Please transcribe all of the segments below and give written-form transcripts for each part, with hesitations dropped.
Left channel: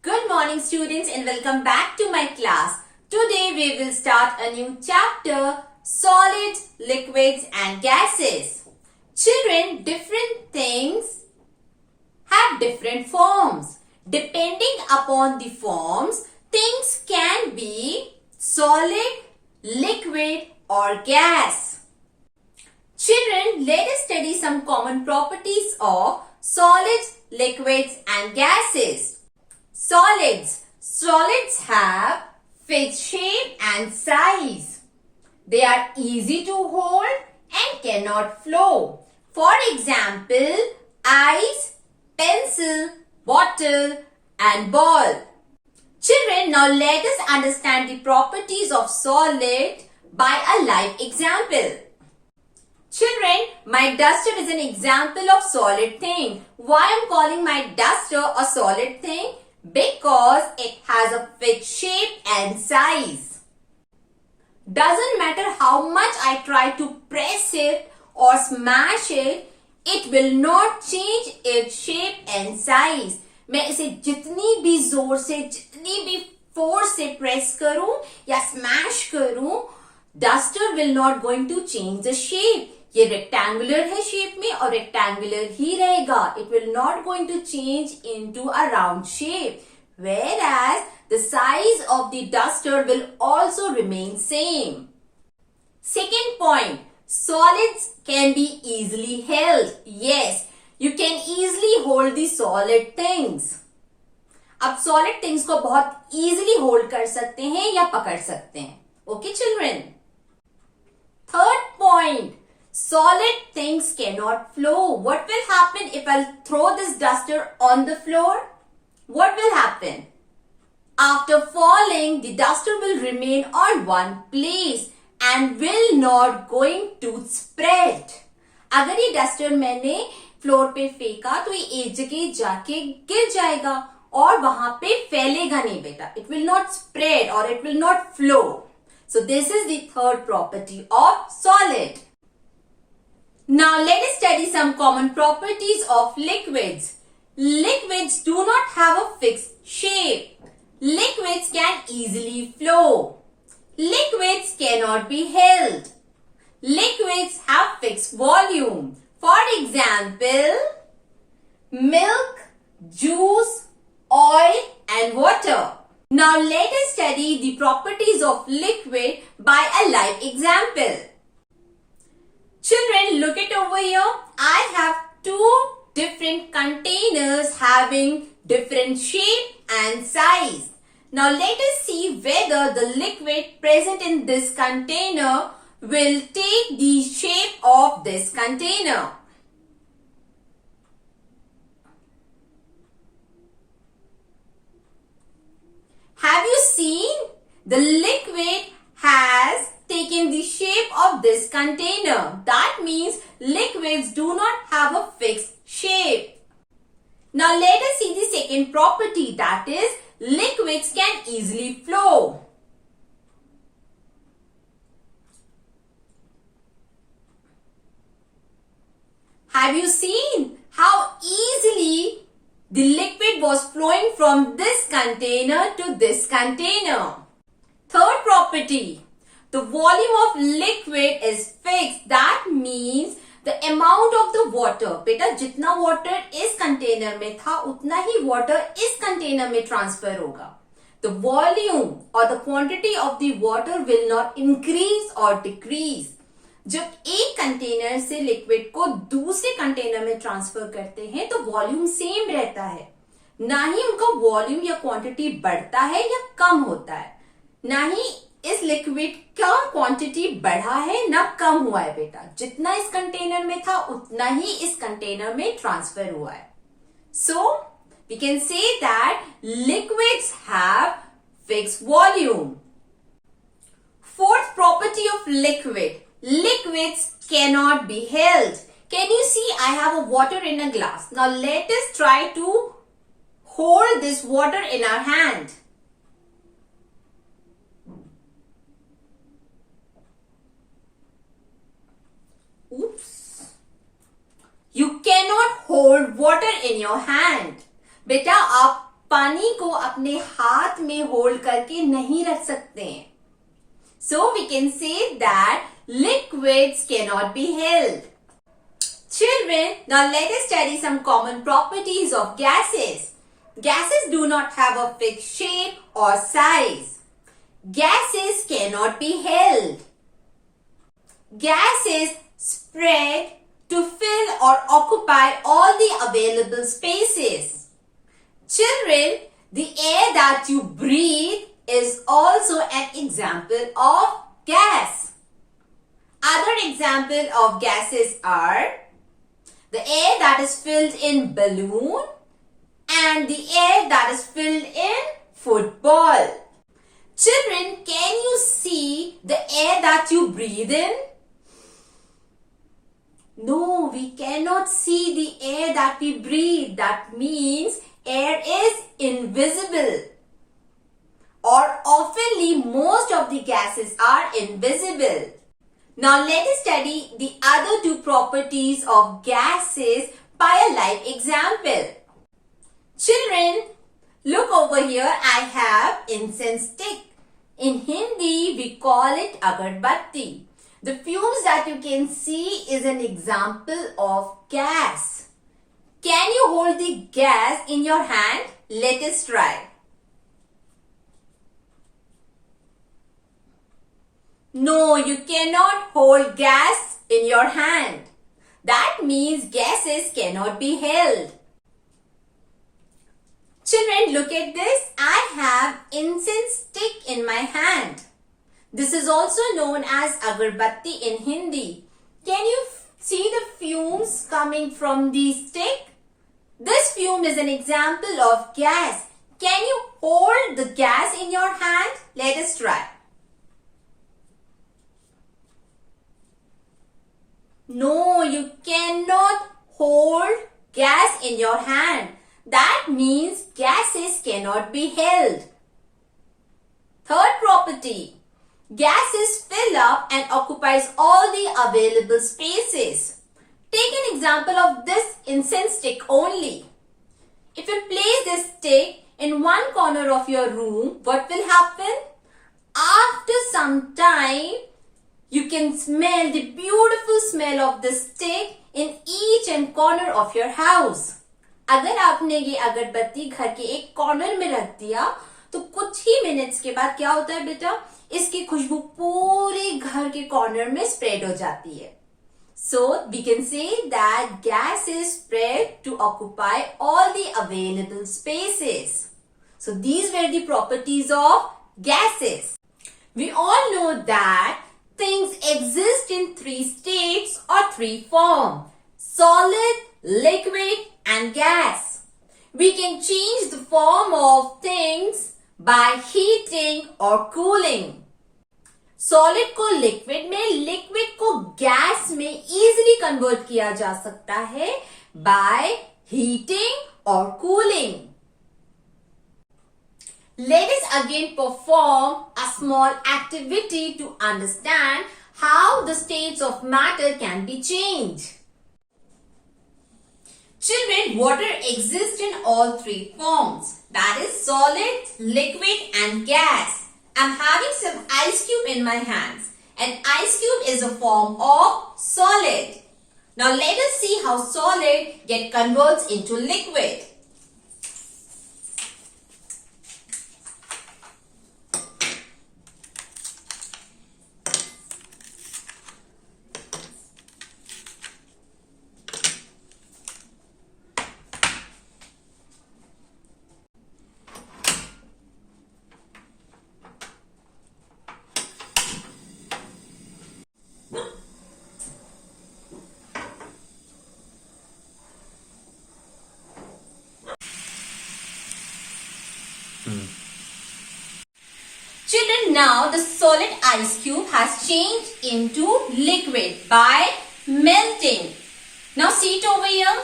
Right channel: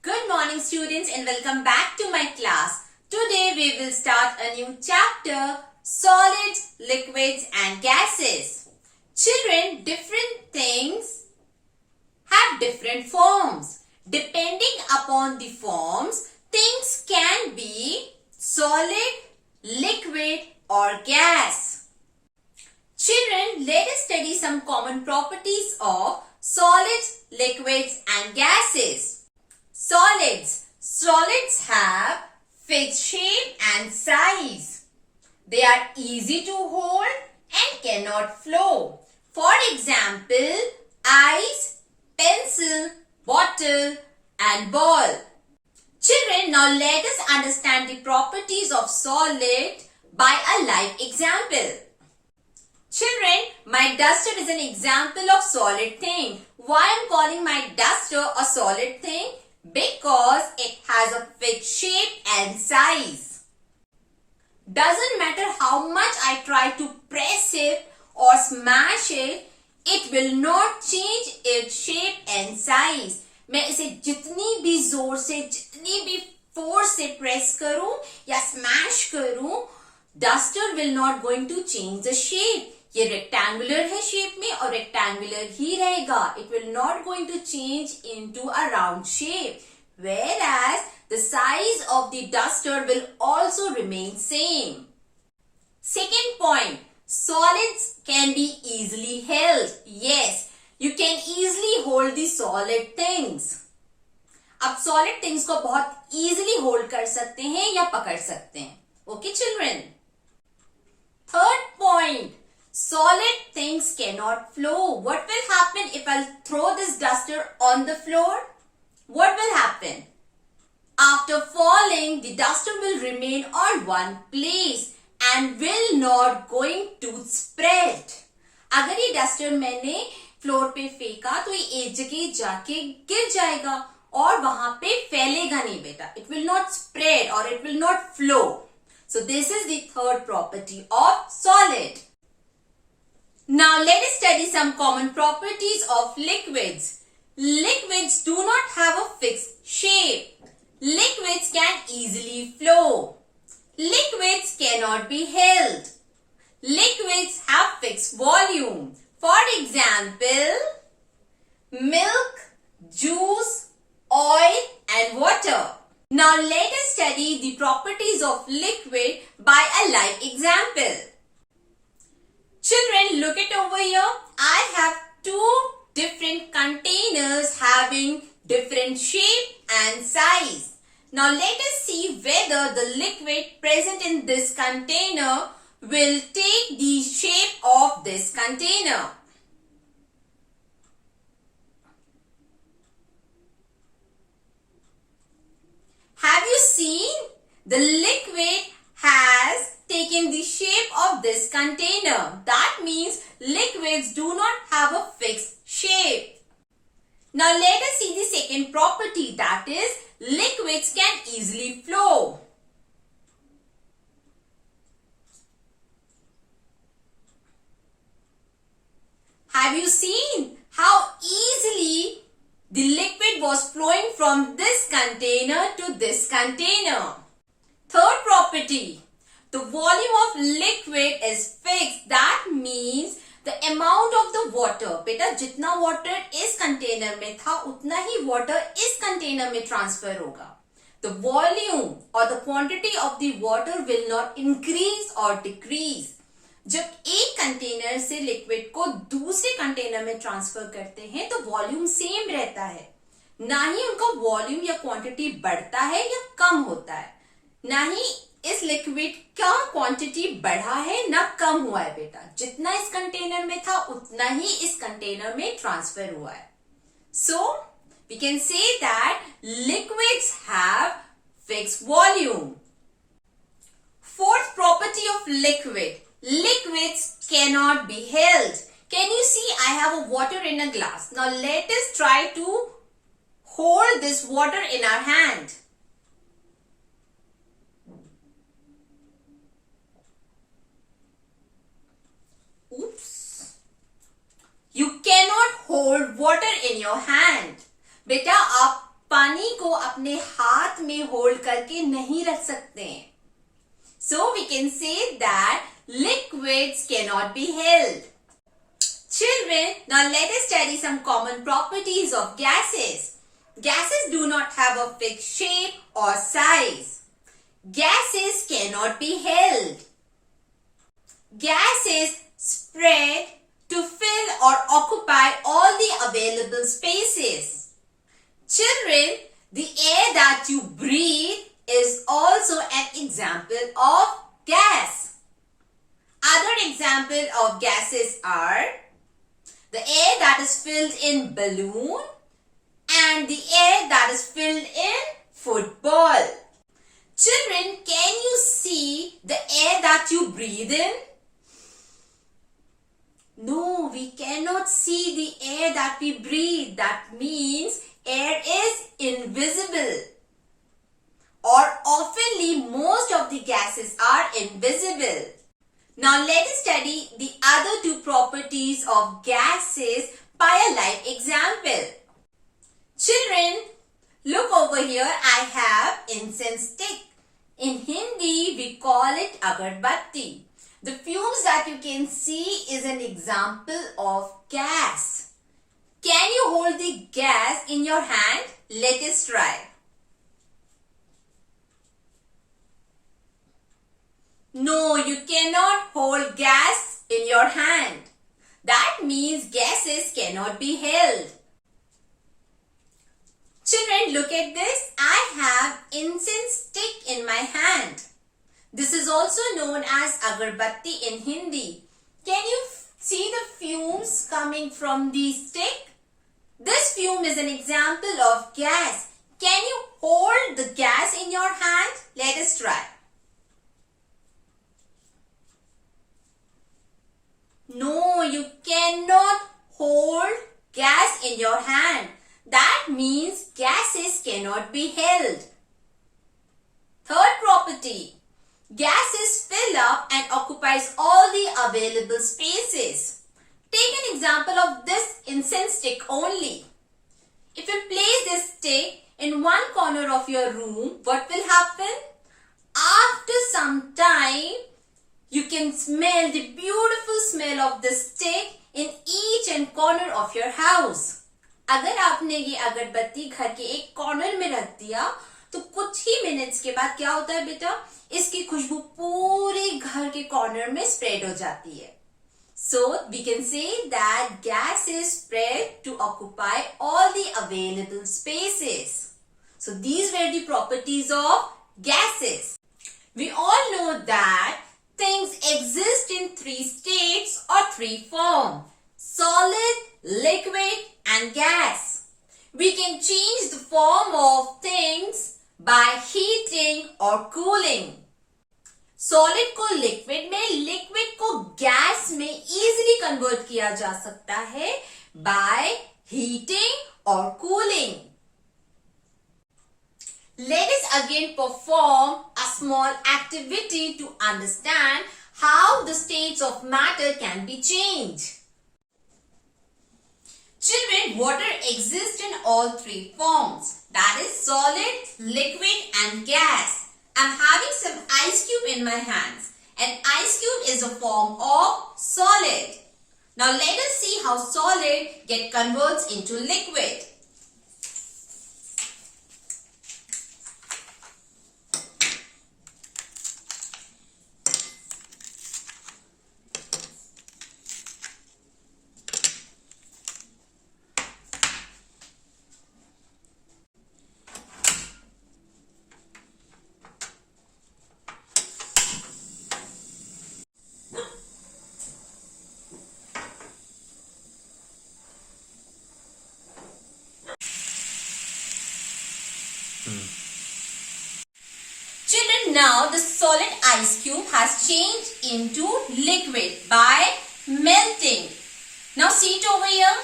Good morning students and welcome back to my class. Today we will start a new chapter, solids, liquids and gases. Children, different things have different forms. Depending upon the forms, things can be solid, liquid or gas. Children, let us study some common properties of solids, liquids and gases. Solids. Solids have fixed shape and size. They are easy to hold and cannot flow. For example, ice, pencil, bottle and ball. Children, now let us understand the properties of solid by a live example. Children, my duster is an example of solid thing. Why I am calling my duster a solid thing? Because it has a fixed shape and size. Doesn't matter how much I try to press it or smash it, it will not change its shape and size. मैं इसे जितनी भी जोर से, जितनी भी force से press करूं या स्मैश करूं, duster will not going to change the shape. ये रेक्टेंगुलर है शेप में और रेक्टेंगुलर ही रहेगा. It will not going to change into a round shape. Whereas the size of the duster will also remain same. Second point, solids can be easily held. Yes, you can easily hold the solid things. अब solid things को बहुत easily hold कर सकते हैं या पकड़ सकते हैं. Okay children? Third point, solid things cannot flow. What will happen if I throw this duster on the floor? What will happen? After falling, the duster will remain on one place and will not going to spread. अगर ये duster मैंने floor पे फेंका तो ये एक जगह जाके गिर जाएगा और वहां पे फैलेगा नहीं बेटा. It will not spread or it will not flow. So this is the third property of solid. Now let us study some common properties of liquids. Liquids do not have a fixed shape. Liquids can easily flow. Liquids cannot be held. Liquids have fixed volume. For example, milk, juice, oil and water. Now let us study the properties of liquid by a live example. Children, look it over here. I have two different containers having different shape and size. Now let us see whether the liquid present in this container will take the shape of this container. Have you seen? The liquid has taken the shape of this container. That means liquids do not have a fixed shape. Now let us see the second property, that is liquids can easily flow. Have you seen how easily the liquid was flowing from this container to this container? Third property, the volume of liquid is fixed. That means the amount of the water, बेटा जितना water इस container में था उतना ही water इस container में transfer होगा. The volume or the quantity of the water will not increase or decrease. जब एक कंटेनर से लिक्विड को दूसरे कंटेनर में ट्रांसफर करते हैं तो वॉल्यूम सेम रहता है. ना ही उनका वॉल्यूम या क्वांटिटी बढ़ता है या कम होता है. ना ही इस लिक्विड का क्वांटिटी बढ़ा है ना कम हुआ है बेटा. जितना इस कंटेनर में था उतना ही इस कंटेनर में ट्रांसफर हुआ है. So we can say that liquids have fixed volume. Fourth property of liquid, liquids cannot be held. Can you see I have a water in a glass. Now let us try to hold this water in our hand. Oops. You cannot hold water in your hand. बेटा आप पानी को अपने हाथ में hold करके नहीं रख सकते हैं. So we can say that liquids cannot be held. Children, now let us study some common properties of gases. Gases do not have a fixed shape or size. Gases cannot be held. Gases spread to fill or occupy all the available spaces. Children, the air that you breathe is also an example of gas. Other examples of gases are the air that is filled in balloon and the air that is filled in football. Children, can you see the air that you breathe in? No, we cannot see the air that we breathe. That means air is invisible. Or oftenly, most of the gases are invisible. Now let us study the other two properties of gases by a live example. Children, look over here. I have incense stick. In Hindi, we call it agarbatti. The fumes that you can see is an example of gas. Can you hold the gas in your hand? Let us try. No, you cannot hold gas in your hand. That means gases cannot be held. Children, look at this. I have incense stick in my hand. This is also known as agarbatti in Hindi. Can you see the fumes coming from the stick? This fume is an example of gas. Can you hold the gas in your hand? Let us try. No, you cannot hold gas in your hand. That means gases cannot be held. Third property. Gases fill up and occupies all the available spaces. Take an example of this incense stick only. If you place this stick in one corner of your room, what will happen? After some time, you can smell the beautiful smell of the stick in each and corner of your house. अगर आपने ये अगरबत्ती घर के एक corner में रख दिया तो कुछ ही मिनट्स के बाद क्या होता है बेटा, इसकी खुशबू पूरे घर के कॉर्नर में स्प्रेड हो जाती है. So we can say that gases spread to occupy all the available spaces. So these were the properties of gases. We all know that things exist in three states or three forms: solid, liquid and gas. We can change the form of things by heating or cooling. Solid को liquid में, liquid को gas में easily convert किया जा सकता है by heating or cooling. Let us again perform a small activity to understand how the states of matter can be changed. Children, water exists in all three forms, that is solid, liquid and gas. I am having some ice cube in my hands. An ice cube is a form of solid. Now let us see how solid converts into liquid. Children, now the solid ice cube has changed into liquid by melting. Now see it over here.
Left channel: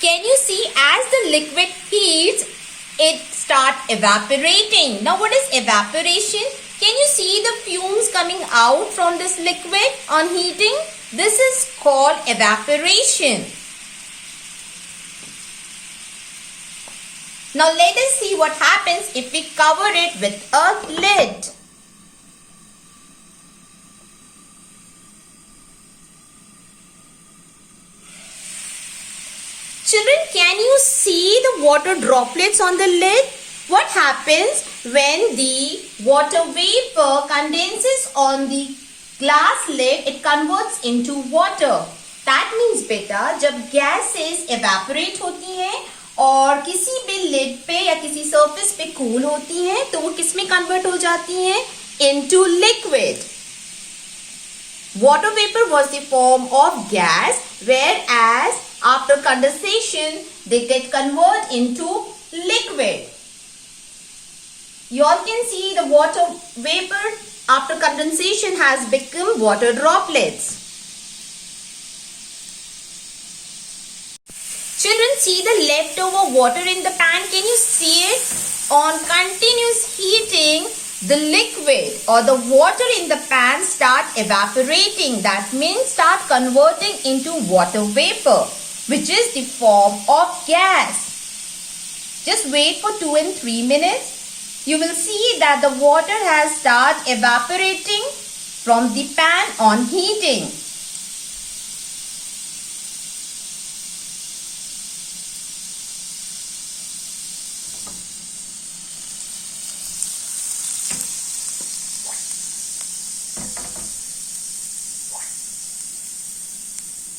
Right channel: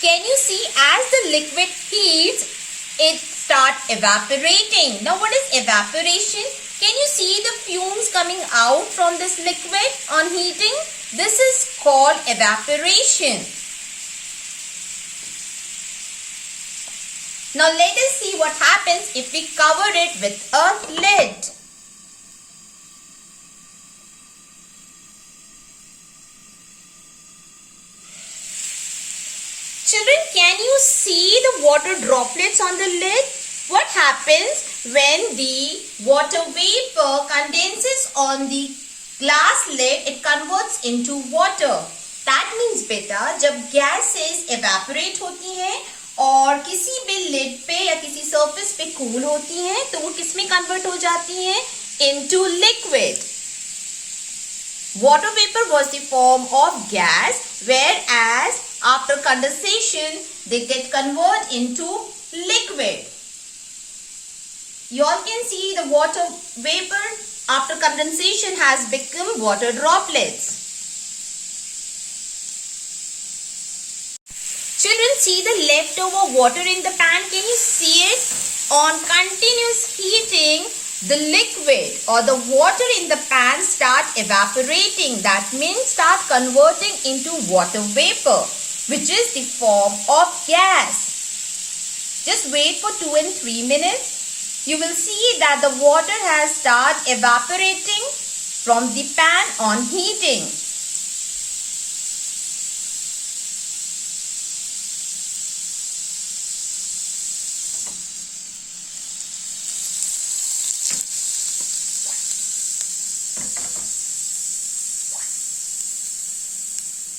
Can you see as the liquid heats, it starts evaporating. Now what is evaporation? Can you see the fumes coming out from this liquid on heating? This is called evaporation. Now let us see what happens if we cover it with a lid. Children, can you see the water droplets on the lid? What happens when the water vapor condenses on the glass lid? It converts into water. That means beta, जब gases evaporate होती हैं और किसी भी lid पे या किसी surface पे cool होती हैं, तो वो किस में convert हो जाती हैं? Into liquid. Water vapor was the form of gas, whereas after condensation, they get converted into liquid. You all can see the water vapor after condensation has become water droplets. Children, see the leftover water in the pan. Can you see it? On continuous heating, the liquid or the water in the pan start evaporating. That means start converting into water vapor, which is the form of gas. Just wait for 2 and 3 minutes. You will see that the water has started evaporating from the pan on heating.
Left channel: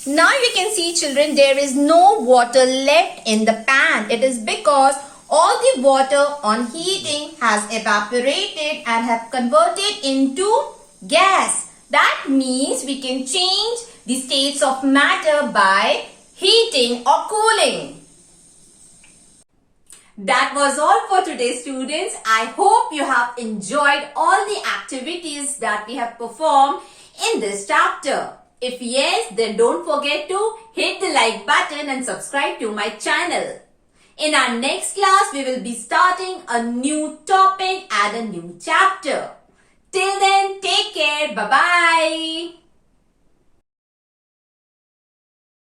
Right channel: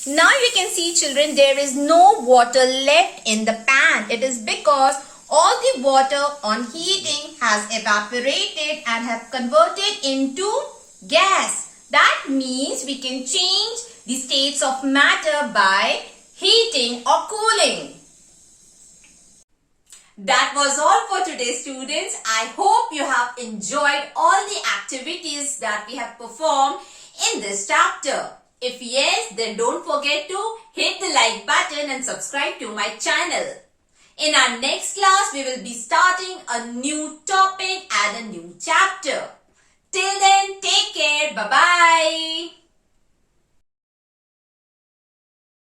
Now you can see, children, there is no water left in the pan. It is because all the water on heating has evaporated and have converted into gas. That means we can change the states of matter by heating or cooling. That was all for today, students. I hope you have enjoyed all the activities that we have performed in this chapter. If yes, then don't forget to hit the like button and subscribe to my channel. In our next class, we will be starting a new topic and a new chapter. Till then, take care. Bye-bye.